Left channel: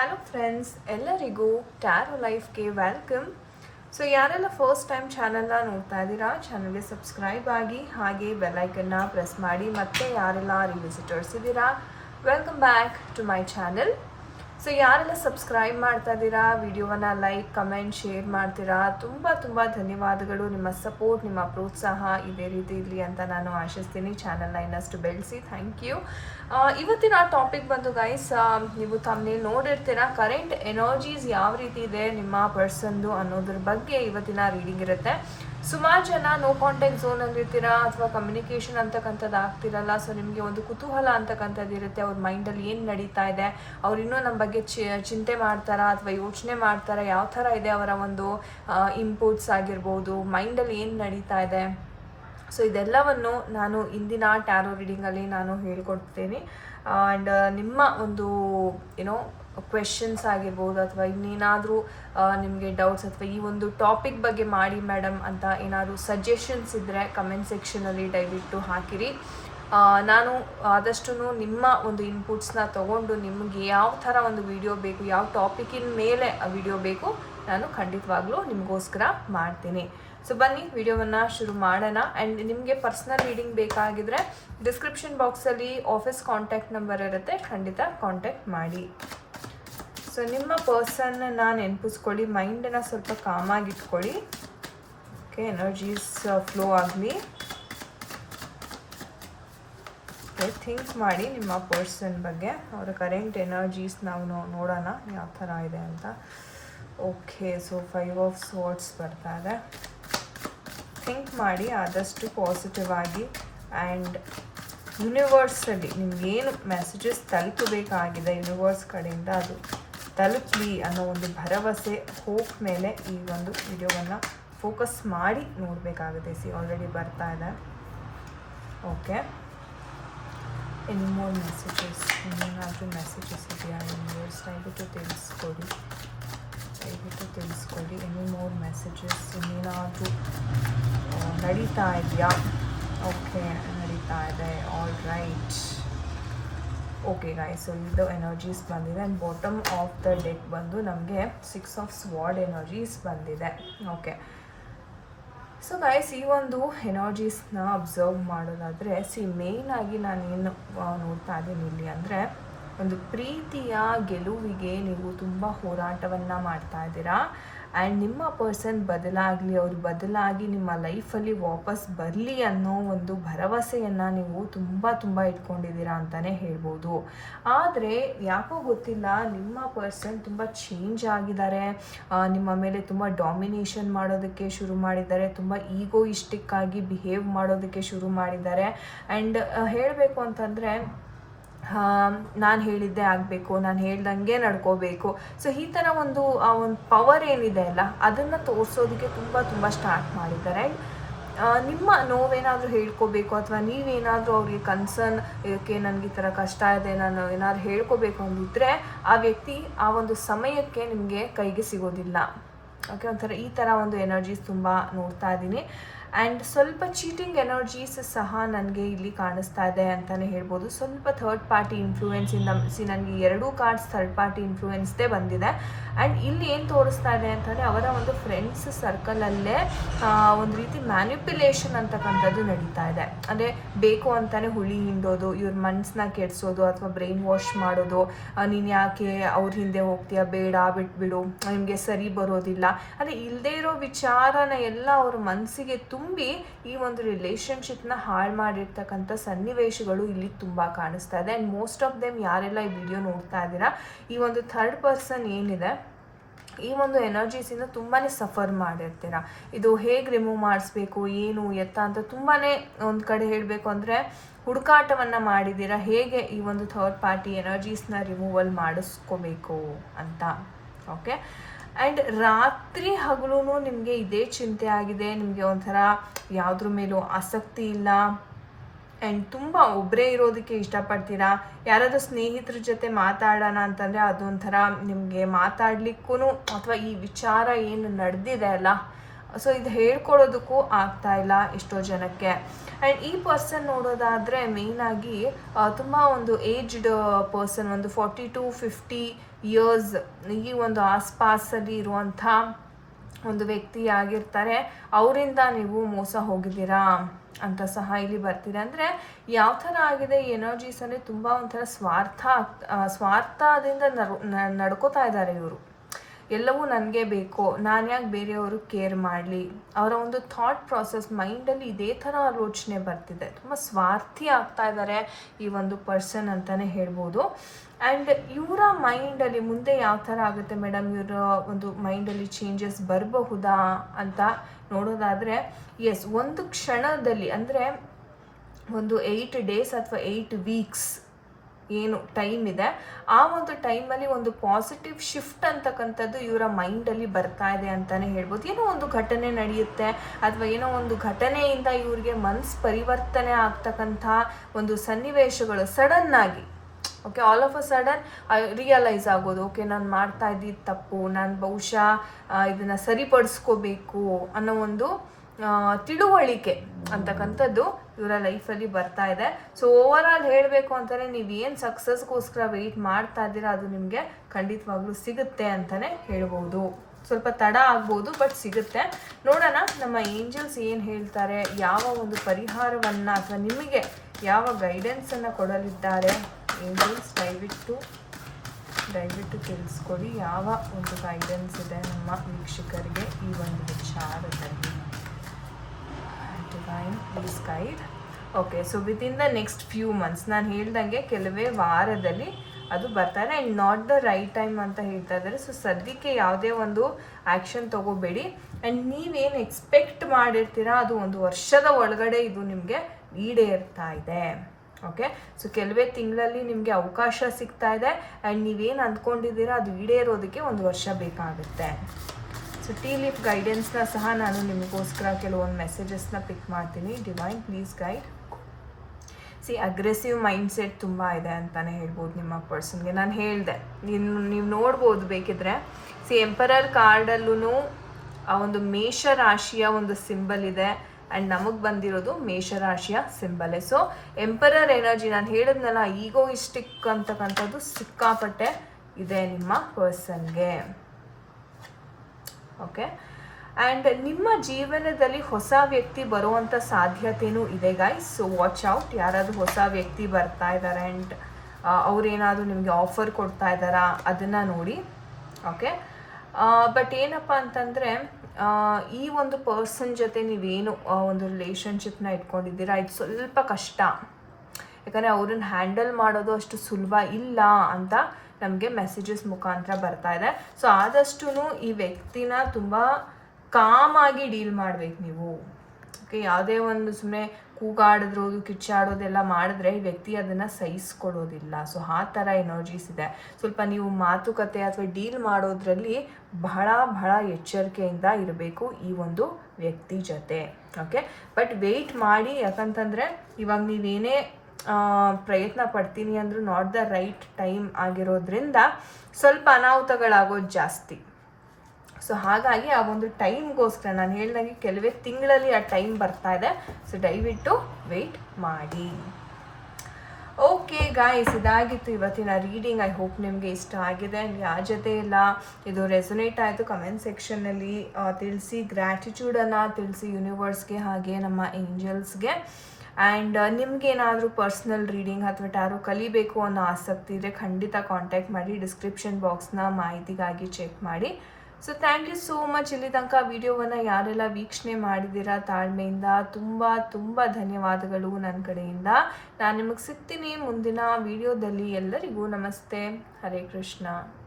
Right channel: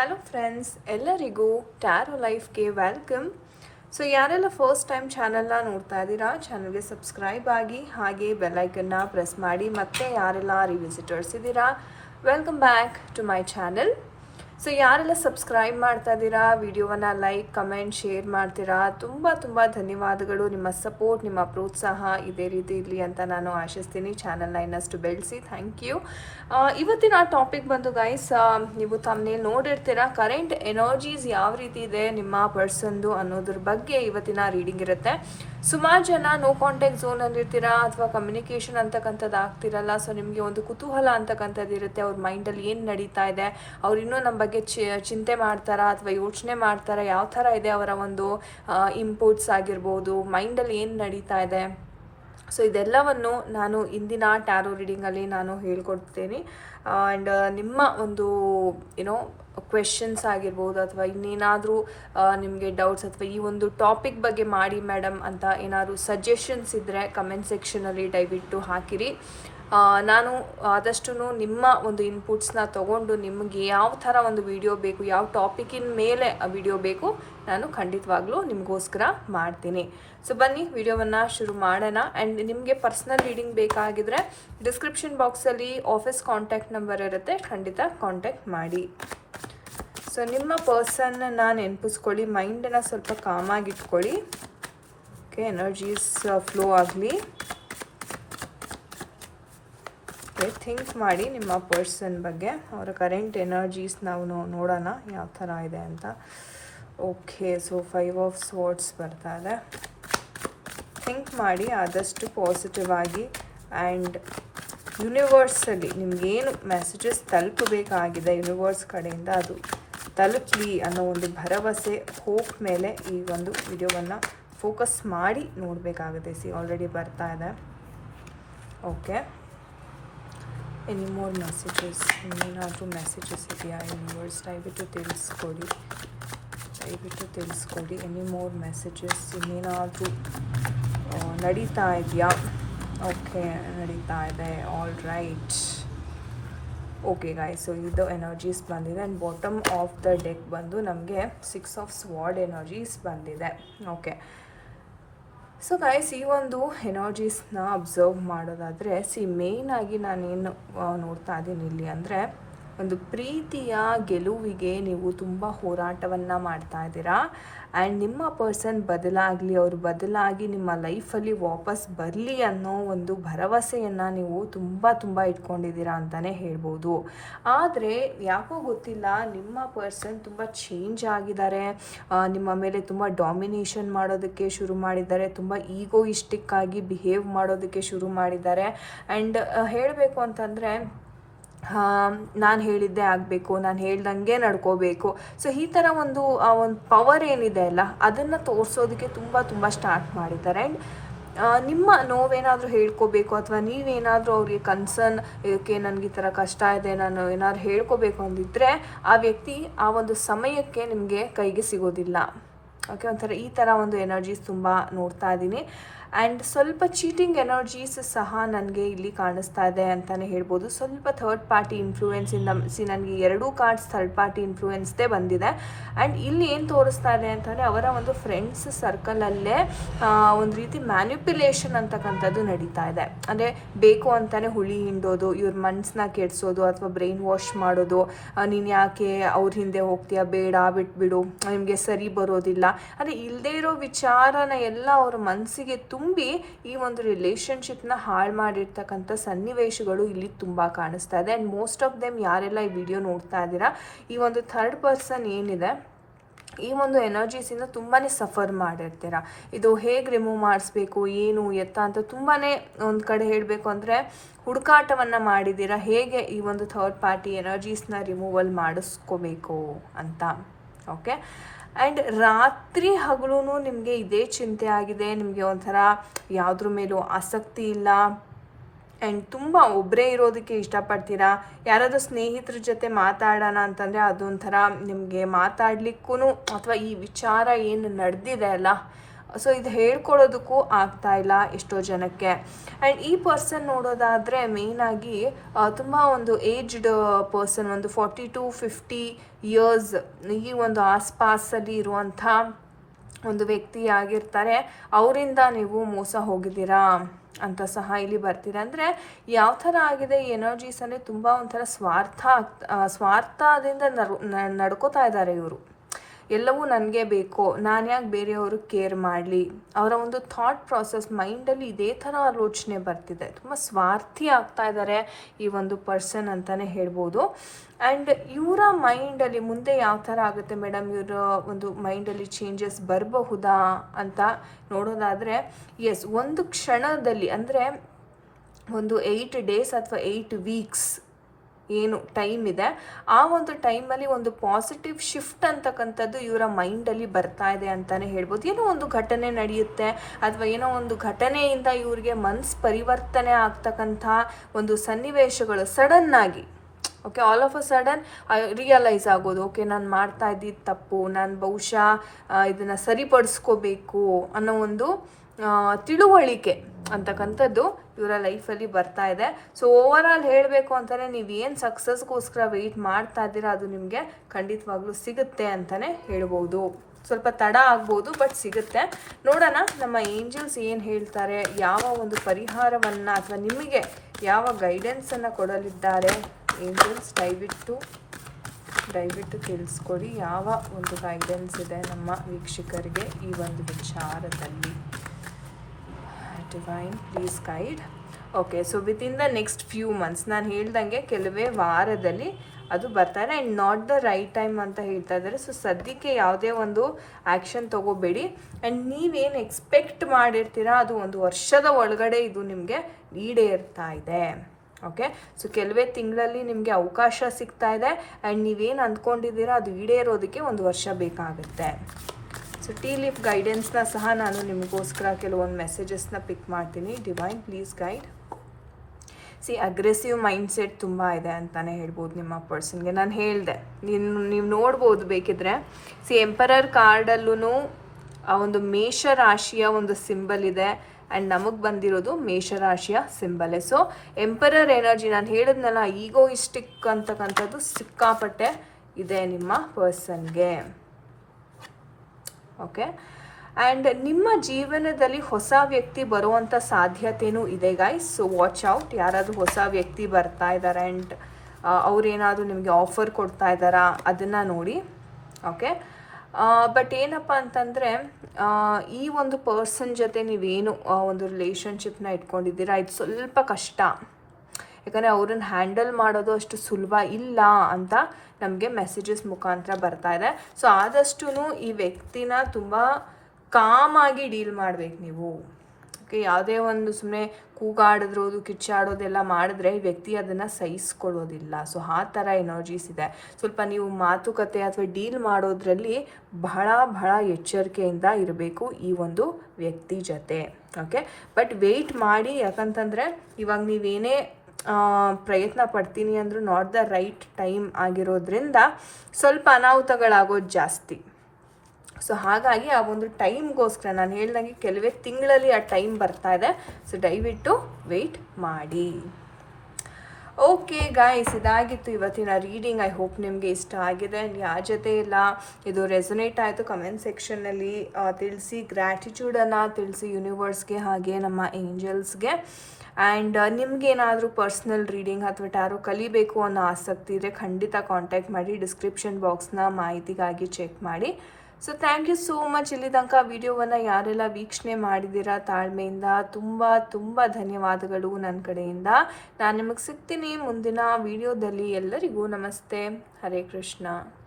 Hello friends, ಎಲ್ಲರಿಗೂ taro ಲೈಫ್ಗೆ welcome. So ಯಾರೆಲ್ಲ first time ಚಾನಲ್ನ ನೋಡ್ತಾ ಇದ್ದೀರಾ, ಚಾನಲ್ಗೆ ಸಬ್ಸ್ಕ್ರೈಬ್ ಆಗಿ ಹಾಗೆ ಬೆಲ್ಲೈಕನ್ನ ಪ್ರೆಸ್ ಮಾಡಿ. ಮತ್ತೆ ಯಾರೆಲ್ಲ ರಿವಿಸಿಟರ್ಸ್ ಇದ್ದೀರಾ, welcome back to my channel. So ಯಾರೆಲ್ಲ ಸಬ್ಸ್ಕ್ರೈಬ್ ಮಾಡ್ತಾ ಇದ್ದೀರಾ, ವಿಡಿಯೋವನ್ನು ಲೈಕ್ ಕಮೆಂಟ್ ಶೇರ್ ಮಾಡ್ತೀರಾ, ತುಂಬ ತುಂಬ ಧನ್ಯವಾದಗಳು. ನಿಮ್ಮ ಸಪೋರ್ಟ್, ನಿಮ್ಮ ಪ್ರೋತ್ಸಾಹ ಇದೇ ರೀತಿ ಇರಲಿ ಅಂತ ನಾನು ಆಶಿಸ್ತೀನಿ. ಚಾನಲ್ನ ಇನ್ನಷ್ಟು ಬೆಳೆಸಿ. Thank you. ಇವತ್ತಿನ ಟಾಪಿಕ್ ಬಂದು ಗೈಸ್, ನೀವು ತಮ್ಮನೇ ನೋಡಿರ್ತೀರಾ, ಕರೆಂಟ್ ಎನರ್ಜೀಸ್ ಯಾವ ರೀತಿ ಇದೆ ನಿಮ್ಮ ಪರ್ಸನ್ದು ಅನ್ನೋದ್ರ ಬಗ್ಗೆ ಇವತ್ತಿನ ರೀಡಿಂಗ್ ಇರುತ್ತೆ. ಸುಮಾರು ಜನ ನೋ ಕಾಂಟ್ಯಾಕ್ಟ್ ಝೋನ್ ಅಲ್ಲಿ ಇರ್ತೀರಾ ಅಥವಾ ಕಮ್ಯುನಿಕೇಶನ್ ಅಂತಕ್ಕಂಥದ್ದು ಆಗ್ತಿರಲ್ಲ. ಸೊ ನಿಮಗೆ ಒಂದು ಕುತೂಹಲ ಅಂತಕ್ಕಂಥದ್ದು ಇರುತ್ತೆ, ಅವ್ರ ಮೈಂಡಲ್ಲಿ ಏನು ನಡೀತಾ ಇದೆ, ಅವ್ರು ಇನ್ನೂ ನಮ್ಮ ಬಗ್ಗೆ ಚಿಂತೆ ಮಾಡ್ತಾರಾ ಅಥವಾ ಯೋಚನೆ ಮಾಡ್ತಾರಾ, ಯಾವ ಥರ ಇದೆ ಅವರ ಒಂದು ಇಂಪುಟ್ಸ್ ಆಗಿರ್ಬೋದು, ಮೈಂಡಲ್ಲಿ ಏನು ನಡೀತಾ ಇದೆ. ಸೊ ಇದೆಲ್ಲವನ್ನು ನಾನು ಇಂದಿನ ಟ್ಯಾರೋ ರೀಡಿಂಗಲ್ಲಿ ನಾನು ಹೇಳ್ಕೊಡ್ತೀನಿ. ಆ್ಯಂಡ್ ನಿಮ್ಮ ಒಂದು ಏನೋ ಕ್ವೆಶನ್ಸ್ ಆಗಿರ್ಬೋದು ಅಥವಾ ಇನ್ನೇನಾದರೂ ನಿಮಗೆ ಡೌಟ್ಸ್ ಅಥವಾ ಈ ಒಂದು ಟಾಪಿಕ್ ಬಗ್ಗೆ ಮಾಡಿ ಮೇಡಮ್ ಅಂತ ಏನಾದರೂ ಸಜೆಷನ್ಸ್ ಇದ್ದರೆ ಕಮೆಂಟ್ ಸೆಕ್ಷನಲ್ಲಿ ದಯವಿಟ್ಟು ಹಾಕಿರಿ. ನಾನು ಆದಷ್ಟು ನಿಮ್ಮ ಒಂದು ಇನ್ಪುಟ್ಸ್ನ ತೊಗೊಂಡು ನಿಮಗೆ ಯಾವ ಥರ ಒಂದು ವಿಡಿಯೋ ಬೇಕು, ಯಾವ ಟಾಪಿಕಿನ ಮೇಲೆ ವಿಡಿಯೋ ಬೇಕು, ನಾನು ಖಂಡಿತವಾಗ್ಲೂ ನಿಮಗೋಸ್ಕರ ಮಾಡ್ತೀನಿ. ಸೊ ಬನ್ನಿ ವಿಡಿಯೋವನ್ನು ಶುರು ಮಾಡೋಣ. ಆ್ಯಂಡ್ ನಿಮಗೆ ಪರ್ಸ್ನಲ್ ರೀಡಿಂಗ್ ಬೇಕಾಗಿದ್ರೆ ಡಿಸ್ಕ್ರಿಪ್ಷನ್ ಬಾಕ್ಸಲ್ಲಿ ಆಫೀಸ್ ಕಾಂಟ್ಯಾಕ್ಟ್ ನಂಬರ್ ಇರುತ್ತೆ, ಖಂಡಿತ ಕಾಂಟ್ಯಾಕ್ಟ್ ಮಾಡಿ. ಸೊ ನಿಮ್ಮ ಪರ್ಸನ್ನ ನೆನಪಿಸ್ಕೊಳ್ಳಿ, ಮೈಂಡನ್ನು ಸ್ವಲ್ಪ ಕಾಮಾಗಿಟ್ಕೊಳ್ಳಿ. ಓಕೆ, ಎನರ್ಜೀಸ್ ಫ್ಲೋ ಆಗಲಿ. ಥಿಂಕ್ ಮಾಡಿ ನಿಮ್ಮ ಪರ್ಸನ್ ಬಗ್ಗೆ, ಅವರ ಕರೆಂಟ್ ಎನರ್ಜೀಸ್ ನಾವು ನೋಡೋಣ ಯಾವ ಥರ ಇದೆ ಅಂತ. ಓಕೆ, ಸೊ 5 ಆಫ್ ಸ್ವೋರ್ಡ್ಸ್ ಬರ್ತಾ ಇದೆ. ಥಿಂಕ್ ಮಾಡಿ ಆದಷ್ಟು ಪಾಸಿಟಿವ್ ಆಗಿ. ಆ್ಯಂಡ್ ಯೂನಿವರ್ಸಲ್ಲಿ ನಿಮಗೇನು ಮೆಸೇಜಸ್ ತಲುಪಬೇಕಾಗಿದೆ ಯೂನಿವರ್ಸ್ ಕಡೆಯಿಂದ, ಅದು ತಲುಪಲಿ ಅನ್ನೋ ಒಂದು ಭರವಸೆ, ಹೋಪ್ ಮೇಲೆ ಈ ಒಂದು ವಿಡಿಯೋವನ್ನು ಫೋಕಸ್ ಮಾಡಿ ನೋಡಬೇಕಾಗುತ್ತೆ. ಆಲ್ರೆಡಿ ಬರ್ತಾ ಇದೆ. ಓಕೆ, ಇನ್ನೂರು ಮೆಸೇಜಸ್, ಏನಾದರೂ ಮೆಸೇಜಸ್ ಇದೆಯಾ ಯೂನಿವರ್ಸ್? ದಯವಿಟ್ಟು ತಿಳಿಸ್ಕೊಡಿ. ಎನಿ ಮೋರ್ ಮೆಸೇಜಸ್, ಇನ್ನೇನಾದರೂ ನಡೀತಾ ಇದೆಯಾ? ಓಕೆ, ನಡೀತಾ ಇದೆ. All right. Okay guys, so ಇದು ಎನರ್ಜೀಸ್ ಬಂದಿದೆ. And bottom of the deck ಬಂದು ನಮಗೆ 6 ಆಫ್ ಸ್ವಾರ್ಡ್ ಎನರ್ಜೀಸ್ ಬಂದಿದೆ. ಓಕೆ, ಸೊ ಗೈಸ್, ಈ ಒಂದು ಎನರ್ಜೀಸ್ನ ಅಬ್ಸರ್ವ್ ಮಾಡೋದಾದರೆ, ಮೇಯ್ನ್ ಆಗಿ ನಾನೇನು ನೋಡ್ತಾ ಇದ್ದೀನಿ ಇಲ್ಲಿ ಅಂದರೆ, ಒಂದು ಪ್ರೀತಿಯ ಗೆಲುವಿಗೆ ನೀವು ತುಂಬ ಹೋರಾಟವನ್ನು ಮಾಡ್ತಾ ಇದ್ದೀರಾ. ಆ್ಯಂಡ್ ನಿಮ್ಮ ಪರ್ಸನ್ ಅವ್ರು ಬದಲಾಗಿ ನಿಮ್ಮ ಲೈಫಲ್ಲಿ ವಾಪಸ್ ಬರಲಿ ಅನ್ನೋ ಒಂದು ಭರವಸೆಯನ್ನು ನೀವು ತುಂಬ ಇಟ್ಕೊಂಡಿದ್ದೀರಾ ಅಂತಲೇ ಹೇಳ್ಬೋದು. ಆದರೆ ಯಾಕೋ ಗೊತ್ತಿಲ್ಲ, ನಿಮ್ಮ ಪರ್ಸನ್ ತುಂಬ ಚೇಂಜ್ ಆಗಿದ್ದಾರೆ. ನಿಮ್ಮ ಮೇಲೆ ತುಂಬ ಡಾಮಿನೇಷನ್ ಮಾಡೋದಕ್ಕೆ ಶುರು ಮಾಡಿದ್ದಾರೆ, ತುಂಬ ಈಗೋಯಿಸ್ಟಿಕ್ ಆಗಿ ಬಿಹೇವ್ ಮಾಡೋದಕ್ಕೆ ಶುರು ಮಾಡಿದ್ದಾರೆ. ಆ್ಯಂಡ್ ಹೇಳಬೇಕು ಅಂತಂದರೆ, ನಾನು ಹೇಳಿದ್ದೇ ಆಗಬೇಕು, ನಾನು ಹೇಳ್ದಂಗೆ ನಡ್ಕೋಬೇಕು. ಸೊ ಈ ಥರ ಒಂದು ಪವರ್ ಏನಿದೆ ಅಲ್ಲ, ಅದನ್ನು ತೋರಿಸೋದಕ್ಕೆ ತುಂಬ ಸ್ಟಾರ್ಟ್ ಮಾಡಿದ್ದಾರೆ. ನಿಮ್ಮ ನೋವೇನಾದರೂ ಹೇಳ್ಕೋಬೇಕು ಅಥವಾ ನೀವೇನಾದರೂ ಅವ್ರಿಗೆ ಕನ್ಸರ್ನ್, ಇದಕ್ಕೆ ನನಗೆ ಈ ಥರ ಕಷ್ಟ ಇದೆ, ನಾನು ಏನಾದ್ರು ಹೇಳ್ಕೋಬೇಕು ಅಂದಿದ್ರೆ, ಆ ವ್ಯಕ್ತಿ ಆ ಒಂದು ಸಮಯಕ್ಕೆ ನಿಮಗೆ ಕೈಗೆ ಸಿಗೋದಿಲ್ಲ. ಓಕೆ, ಒಂಥರ ಈ ಥರ ಒಂದು ಎನರ್ಜೀಸ್ ತುಂಬ ನೋಡ್ತಾ ಇದ್ದೀನಿ. ಆ್ಯಂಡ್ ಸ್ವಲ್ಪ ಚೀಟಿಂಗ್ ಎನರ್ಜೀಸ್ ಸಹ ನನಗೆ ಇಲ್ಲಿ ಕಾಣಿಸ್ತಾ ಇದೆ ಅಂತಲೇ ಹೇಳ್ಬೋದು. ಸ್ವಲ್ಪ ಥರ್ಡ್ ಪಾರ್ಟಿ ಇನ್ಫ್ಲೂಯೆನ್ಸಿಂದ ನನಗೆ 2 ಕಾರ್ಡ್ಸ್ ಥರ್ಡ್ ಪಾರ್ಟಿ ಇನ್ಫ್ಲೂಯೆನ್ಸ್ದೇ ಬಂದಿದೆ. ಆ್ಯಂಡ್ ಇಲ್ಲಿ ಏನು ತೋರಿಸ್ತಾ ಇದೆ ಅಂತಂದರೆ, ಅವರ ಒಂದು ಫ್ರೆಂಡ್ಸ್ ಸರ್ಕಲಲ್ಲೇ ಒಂದು ರೀತಿ ಮ್ಯಾನಿಪ್ಯುಲೇಷನ್ ಅಂತಕ್ಕಂಥದ್ದು ನಡೀತಾ ಇದೆ. ಅಂದರೆ ಬೇಕು ಅಂತಲೇ ಹುಳಿ ಹಿಂಡೋದು, ಇವ್ರ ಮನಸ್ಸನ್ನ ಕೆಡಿಸೋದು ಅಥವಾ ಬ್ರೈನ್ ವಾಶ್ ಮಾಡೋದು. ನೀನು ಯಾಕೆ ಅವ್ರ ಹಿಂದೆ ಹೋಗ್ತೀಯಾ, ಬೇಡ ಬಿಟ್ಬಿಡು, ನಿಮಗೆ ಸರಿ ಬರೋದಿಲ್ಲ, ಅಂದರೆ ಇಲ್ಲದೇ ಇರೋ ವಿಚಾರನ ಎಲ್ಲ ಅವ್ರ ಮನಸ್ಸಿಗೆ ತುಂಬಿ ಈ ಒಂದು ರಿಲೇಷನ್ಶಿಪ್ನ ಹಾಳು ಮಾಡಿರ್ತಕ್ಕಂಥ ಸನ್ನಿವೇಶಗಳು ಇಲ್ಲಿ ತುಂಬ ಕಾಣಿಸ್ತಾ ಇದೆ. ಆ್ಯಂಡ್ ಮೋಸ್ಟ್ ಆಫ್ ದೆಮ್ ಯಾರೆಲ್ಲ ಈ ವಿಡಿಯೋ ನೋಡ್ತಾ ಇದ್ದೀರಾ, ಈ ಒಂದು ಥರ್ಡ್ ಪರ್ಸನ್ ಏನಿದೆ, ಈ ಒಂದು ಎನರ್ಜೀಸಿಂದ ತುಂಬಾ ಸಫರ್ ಮಾಡಿರ್ತೀರ. ಇದು ಹೇಗೆ ರಿಮೂವ್ ಮಾಡಿಸ್ಬೇಕು, ಏನು ಎತ್ತ ಅಂತ ತುಂಬಾ ಒಂದು ಕಡೆ ಹೇಳಬೇಕು ಅಂದರೆ ಹುಡುಕಾಟವನ್ನು ಮಾಡಿದ್ದೀರಾ, ಹೇಗೆ ಈ ಒಂದು ಥರ್ಡ್ ಪಾರ್ಟಿ ಎನರ್ಜೀಸ್ನ ರಿಮೂವಲ್ ಮಾಡಿಸ್ಕೋಬೇಕು ಅಂತ. ಓಕೆ, ಆ್ಯಂಡ್ ರಾತ್ರಿ ಹಗಲು ನಿಮಗೆ ಇದೇ ಚಿಂತೆ ಆಗಿದೆ, ನಿಮಗೆ ಒಂಥರ ಯಾವುದ್ರ ಮೇಲೂ ಆಸಕ್ತಿ ಇಲ್ಲ. ಆ್ಯಂಡ್ ತುಂಬ ಒಬ್ಬರೇ ಇರೋದಕ್ಕೆ ಇಷ್ಟಪಡ್ತೀರಾ. ಯಾರಾದರೂ ಸ್ನೇಹಿತರ ಜೊತೆ ಮಾತಾಡೋಣ ಅಂತಂದರೆ ಅದೊಂಥರ ನಿಮಗೆ ಮಾತಾಡಲಿಕ್ಕೂ ಅಥವಾ ಈ ವಿಚಾರ ಏನು ನಡೆದಿದೆ ಅಲ್ಲ, ಸೊ ಇದು ಹೇಳ್ಕೊಡೋದಕ್ಕೂ ಆಗ್ತಾ ಇಲ್ಲ ಎಷ್ಟೋ ಜನಕ್ಕೆ. ಆ್ಯಂಡ್ ಈ ಪರ್ಸನ್ ನೋಡೋದಾದರೆ ಮೇಯ್ನಾಗಿ ತುಂಬ ಒಂದು ಏಜ್ಡ್ ಪರ್ಸನ್, ಒಂದು 40 to 50 ಇಯರ್ಸ್ ಈ ಒಂದು ಆಸ್ಪಾಸಲ್ಲಿ ಇರುವಂಥ ಒಂದು ವ್ಯಕ್ತಿ ಆಗಿರ್ತಾರೆ. ಅವರಿಂದ ನೀವು ಮೋಸ ಹೋಗಿದ್ದೀರಾ ಅಂತ ಸಹ ಇಲ್ಲಿ ಬರ್ತಿದೆ. ಅಂದರೆ ಯಾವ ಥರ ಆಗಿದೆ ಈ ಎನರ್ಜೀಸಲ್ಲಿ, ತುಂಬ ಒಂಥರ ಸ್ವಾರ್ಥದಿಂದ ನಡ್ಕೋತಾ ಇದ್ದಾರೆ ಇವರು. ಎಲ್ಲವೂ ನನಗೆ ಬೇಕು, ನಾನು ಯಾಕೆ ಬೇರೆಯವರು ಕೇರ್ ಮಾಡಲಿ, ಅವರ ಒಂದು ಥಾಟ್ ಪ್ರಾಸೆಸ್ ಮೈಂಡಲ್ಲಿ ಇದೇ ಥರ ಆಲೋಚನೆ ಬರ್ತಿದೆ. ತುಂಬ ಸ್ವಾರ್ಥಿ ಆಗ್ತಾ ಇದ್ದಾರೆ ಈ ಒಂದು ಪರ್ಸನ್ ಅಂತಲೇ ಹೇಳ್ಬೋದು. ಆ್ಯಂಡ್ ಇವರ ಮೈಂಡಲ್ಲಿ ಮುಂದೆ ಯಾವ ಥರ ಆಗುತ್ತೆ ಮೇಡಮ್, ಇವರ ಒಂದು ಮೈಂಡಲ್ಲಿ ಚೇಂಜಸ್ ಬರಬಹುದಾ ಅಂತ ನೋಡೋದಾದರೆ, ಎಸ್, ಒಂದು ಕ್ಷಣದಲ್ಲಿ ಅಂದರೆ ಒಂದು 8 days ಅಥವಾ 8 weeks ಏನು ಟೈಮ್ ಇದೆ, ಆ ಒಂದು ಟೈಮಲ್ಲಿ ಒಂದು ಪಾಸಿಟಿವ್ ಶಿಫ್ಟ್ ಅಂತಕ್ಕಂಥದ್ದು ಇವರ ಮೈಂಡಲ್ಲಿ ಬರ್ತಾ ಇದೆ ಅಂತಲೇ ಹೇಳ್ಬೋದು. ಏನೋ ಒಂದು ಘಟನೆ ನಡೆಯುತ್ತೆ ಅಥವಾ ಏನೋ ಒಂದು ಘಟನೆಯಿಂದ ಇವರಿಗೆ ಮನಸ್ಸು ಪರಿವರ್ತನೆ ಆಗ್ತಕ್ಕಂಥ ಒಂದು ಸನ್ನಿವೇಶಗಳು ಸಡನ್ನಾಗಿ, okay, all of a sudden realise ಆಗೋದು, ಓಕೆ ನಾನು ಮಾಡ್ತಾ ಇದ್ದಿದ್ದು ತಪ್ಪು, ನಾನು ಬಹುಶಃ ಇದನ್ನು ಸರಿಪಡಿಸ್ಕೋಬೇಕು ಅನ್ನೋ ಒಂದು ತಿಳುವಳಿಕೆ ಅಂತಕ್ಕಂಥದ್ದು ಇವರ ಲೈಫಲ್ಲಿ ಬರ್ತಾ ಇದೆ. ಸೊ ಓವರ್ ಆಲ್ ಹೇಳಬೇಕು ಅಂತಲೇ ನೀವು ಏನು ಸಕ್ಸಸ್ಗೋಸ್ಕರ ವೆಯ್ಟ್ ಮಾಡ್ತಾ ಇದ್ದೀರಾ ಅದು ನಿಮಗೆ ಖಂಡಿತವಾಗ್ಲೂ ಸಿಗುತ್ತೆ ಅಂತಲೇ ಹೇಳ್ಬೋದು. ಸ್ವಲ್ಪ ತಡ ಆಗ್ಬೋದು, ಬಟ್ ಸಿಗುತ್ತೆ. ನೋಡೋಣ ನಮ್ಮ ಏಂಜಲ್ಸ್ ಏನು ಹೇಳ್ತಾರೆ, ಯಾವ ಒಂದು ಪರಿಹಾರವನ್ನು ಅಥವಾ ನಿಮಗೆ ಯಾವ ಗೈಡೆನ್ಸನ್ನು ಕೊಡಲಿದ್ದಾರೆ ಏಂಜಲ್ಸ್. ದಯವಿಟ್ಟು ತಿಳಿಸ್ಕೊಡಿ ಯಾವ ಒಂದು ಗೈಡೆನ್ಸ್ ಇದೆ ನಮ್ಮ ವೀಕ್ಷಕರಿಗೆ ಈ ಒಂದು ವಿಚಾರದಲ್ಲಿ. Divine please guide. Okay, so within the next few months, ನಾನು ಹೇಳ್ದಂಗೆ ಕೆಲವೇ ವಾರದಲ್ಲಿ ಅದು ಬರ್ತಾ ಇದೆ. And not the right time ಅಂತ ಹೇಳ್ತಾ ಇದ್ದಾರೆ. ಸೊ ಸದ್ಯಕ್ಕೆ ಯಾವುದೇ ಒಂದು ಆ್ಯಕ್ಷನ್ ತೊಗೋಬೇಡಿ. ಆ್ಯಂಡ್ ನೀವೇನು ಎಕ್ಸ್ಪೆಕ್ಟ್ ಮಾಡಿರ್ತೀರಾ ಅದು 1 ವರ್ಷದ ಒಳಗಡೆ ಇದು ನಿಮಗೆ ಈಡೇರ್ತಾ ಇದೆ. ಓಕೆ, ಸೊ ಕೆಲವೇ ತಿಂಗಳಲ್ಲಿ ನಿಮಗೆ ಅವಕಾಶ ಸಿಗ್ತಾ ಇದೆ. ಆ್ಯಂಡ್ ನೀವೇನು ಅಂದ್ಕೊಂಡಿದ್ದೀರಾ ಅದು ಈಡೇರೋದಕ್ಕೆ 1 ವರ್ಷ ಬೇಕಾಗುತ್ತೆ. ಸೊ ಟೀ ಲೀಫ್ ಗೈಡೆನ್ಸ್ನ ಸಹ ನಾನು ನಿಮಗೋಸ್ಕರ ಕೆಲವೊಂದು ಮೆಸೇಜಸ್ನ ಪಿಕ್ ಮಾಡ್ತೀನಿ. Divine please guide. Aggressive mindset ತುಂಬ ಇದೆ ಅಂತಲೇ ಹೇಳ್ಬೋದು ನಿಮ್ಮ ಪರ್ಸನ್ಗೆ. ನಾನು ಹೇಳಿದೆ, ನೀವು ನೋಡ್ಬೋದು ಬೇಕಿದ್ರೆ. ಎಂಪರರ್ ಕಾರ್ಡಲ್ಲೂ ಆ ಒಂದು ಮೇಷರಾಶಿಯ ಒಂದು ಸಿಂಬಲ್ ಇದೆ. ಆ್ಯಂಡ್ ನಮಗೆ ಬಂದಿರೋದು ಮೇಷರಾಶಿಯ ಸಿಂಬಲೇ. ಸೊ ಎಂಪರರ್ ಎನರ್ಜಿ, ನಾನು ಹೇಳಿದ್ನಲ್ಲ, ಈಗೋಯಿಸ್ಟಿಕ್ ಅಂತಕ್ಕಂಥದ್ದು ಸಿಕ್ಕಾಪಟ್ಟೆ ಇದೆ ನಿಮ್ಮ ಪರ್ಸನ್ಗೆ. ಓಕೆ, ಆ್ಯಂಡ್ ನಿಮ್ಮ ಜೀವನದಲ್ಲಿ ಹೊಸ ವ್ಯಕ್ತಿ ಬರುವಂಥ ಸಾಧ್ಯತೆಯೂ ಇದೆ ಗೈಸ್. So watch out. ಯಾರಾದರೂ ಹೊಸ ವ್ಯಕ್ತಿ ಬರ್ತಾ ಇದ್ದಾರೆ ಆ್ಯಂಡ್ ಅವ್ರೇನಾದರೂ ನಿಮಗೆ ಆಫರ್ ಕೊಡ್ತಾ ಇದ್ದಾರಾ ಅದನ್ನು ನೋಡಿ. ಓಕೆ, ಬಟ್ ಏನಪ್ಪ ಅಂತಂದರೆ ಈ ಒಂದು ಪರ್ಸನ್ ಜೊತೆ ನೀವೇನು ಒಂದು ರಿಲೇಷನ್ಶಿಪ್ನ ಇಟ್ಕೊಂಡಿದ್ದೀರಾ ಇದು ಸ್ವಲ್ಪ ಕಷ್ಟ. ಯಾಕಂದರೆ ಅವ್ರನ್ನ ಹ್ಯಾಂಡಲ್ ಮಾಡೋದು ಅಷ್ಟು ಸುಲಭ ಇಲ್ಲ ಅಂತ ನಮಗೆ ಮೆಸೇಜಸ್ ಮುಖಾಂತರ ಬರ್ತಾ ಇದೆ. ಸೊ ಆದಷ್ಟು ಈ ವ್ಯಕ್ತಿನ ತುಂಬ ಕಾಮಾಗಿ ಡೀಲ್ ಮಾಡಬೇಕು ನೀವು. ಓಕೆ, ಯಾವುದೇ ಒಂದು ಸುಮ್ಮನೆ ಕೂಗಾಡಿದ್ರೋದು ಕಿಚ್ಚಾಡೋದೆಲ್ಲ ಮಾಡಿದ್ರೆ ಈ ವ್ಯಕ್ತಿ ಅದನ್ನು ಸಹಿಸ್ಕೊಡೋದಿಲ್ಲ. ಸೊ ಆ ಥರ ಎನರ್ಜೀಸ್ ಇದೆ. ಸ್ವಲ್ಪ ನೀವು ಮಾತುಕತೆ ಅಥವಾ ಡೀಲ್ ಮಾಡೋದ್ರಲ್ಲಿ ಬಹಳ ಎಚ್ಚರಿಕೆಯಿಂದ ಇರಬೇಕು ಈ ಒಂದು ವ್ಯಕ್ತಿ ಜೊತೆ. ಓಕೆ, ಬಟ್ ವೆಯ್ಟ್ ಮಾಡಿ. ಯಾಕಂತಂದರೆ ಇವಾಗ ನೀವೇನೇ ಪ್ರಯತ್ನ ಪಡ್ತೀನಿ ಅಂದರೂ ನಾಟ್ ದ ರೈಟ್ ಟೈಮ್ ಆಗಿರೋದ್ರಿಂದ ಸ್ವಲ್ಪ ಅನಾಹುತಗಳಾಗೋದು ಜಾಸ್ತಿ. ಸೊ ಹಾಗಾಗಿ ಆ ಒಂದು ಟೈಮ್ಗೋಸ್ಕರ ನಾನು ಹೇಳ್ದಂಗೆ ಕೆಲವೇ ತಿಂಗಳಲ್ಲಿ ಆ ಟೈಮ್ ಬರ್ತಾ ಇದೆ. ಸೊ ದಯವಿಟ್ಟು ವೆಯ್ಟ್ ಮಾಡಿ. ಓಕೆ ಗಾಯ್ಸ್, ಇದಾಗಿತ್ತು ಇವತ್ತಿನ ರೀಡಿಂಗ್. ಐ ಹೋಪ್ ನಿಮಗೆ ಇಷ್ಟ ಆಗಿದೆ. ಯಾರ ಜೊತೆ ಇಲ್ಲ ಇದು ರೆಸೊನೇಟ್ ಆಯಿತು ಕಮೆಂಟ್ ಸೆಕ್ಷನ್ನಲ್ಲಿ ತಿಳಿಸಿ. ಗ್ರ್ಯಾಟಿಟ್ಯೂಡನ್ನು ತಿಳಿಸಿ ಯೂನಿವರ್ಸ್ಗೆ, ಹಾಗೆ ನಮ್ಮ ಏಂಜಲ್ಸ್ಗೆ. ಆ್ಯಂಡ್ ನಿಮಗೇನಾದರೂ ಪರ್ಸ್ನಲ್ ರೀಡಿಂಗ್ ಅಥವಾ ಟ್ಯಾರೋ ಕಲಿಬೇಕು ಅನ್ನೋ ಆಸಕ್ತಿ ಇದ್ದರೆ ಖಂಡಿತ ಕಾಂಟ್ಯಾಕ್ಟ್ ಮಾಡಿ. ಡಿಸ್ಕ್ರಿಪ್ಷನ್ ಬಾಕ್ಸ್ನ ಮಾಹಿತಿಗಾಗಿ ಚೆಕ್ ಮಾಡಿ. So thank you so much. ಇಲ್ಲಿ ತನಕ ವಿಡಿಯೋವನ್ನು ಯಾರೆಲ್ಲ ವೀಕ್ಷಣೆ ಮಾಡಿದ್ದೀರಾ ತಾಳ್ಮೆಯಿಂದ ತುಂಬ ಧನ್ಯವಾದಗಳು ನನ್ನ ಕಡೆಯಿಂದ. ನಾನು ನಿಮಗೆ ಸಿಗ್ತೀನಿ ಮುಂದಿನ ವಿಡಿಯೋದಲ್ಲಿ. ಎಲ್ಲರಿಗೂ ನಮಸ್ತೆ. ಹರೇ ಕೃಷ್ಣ.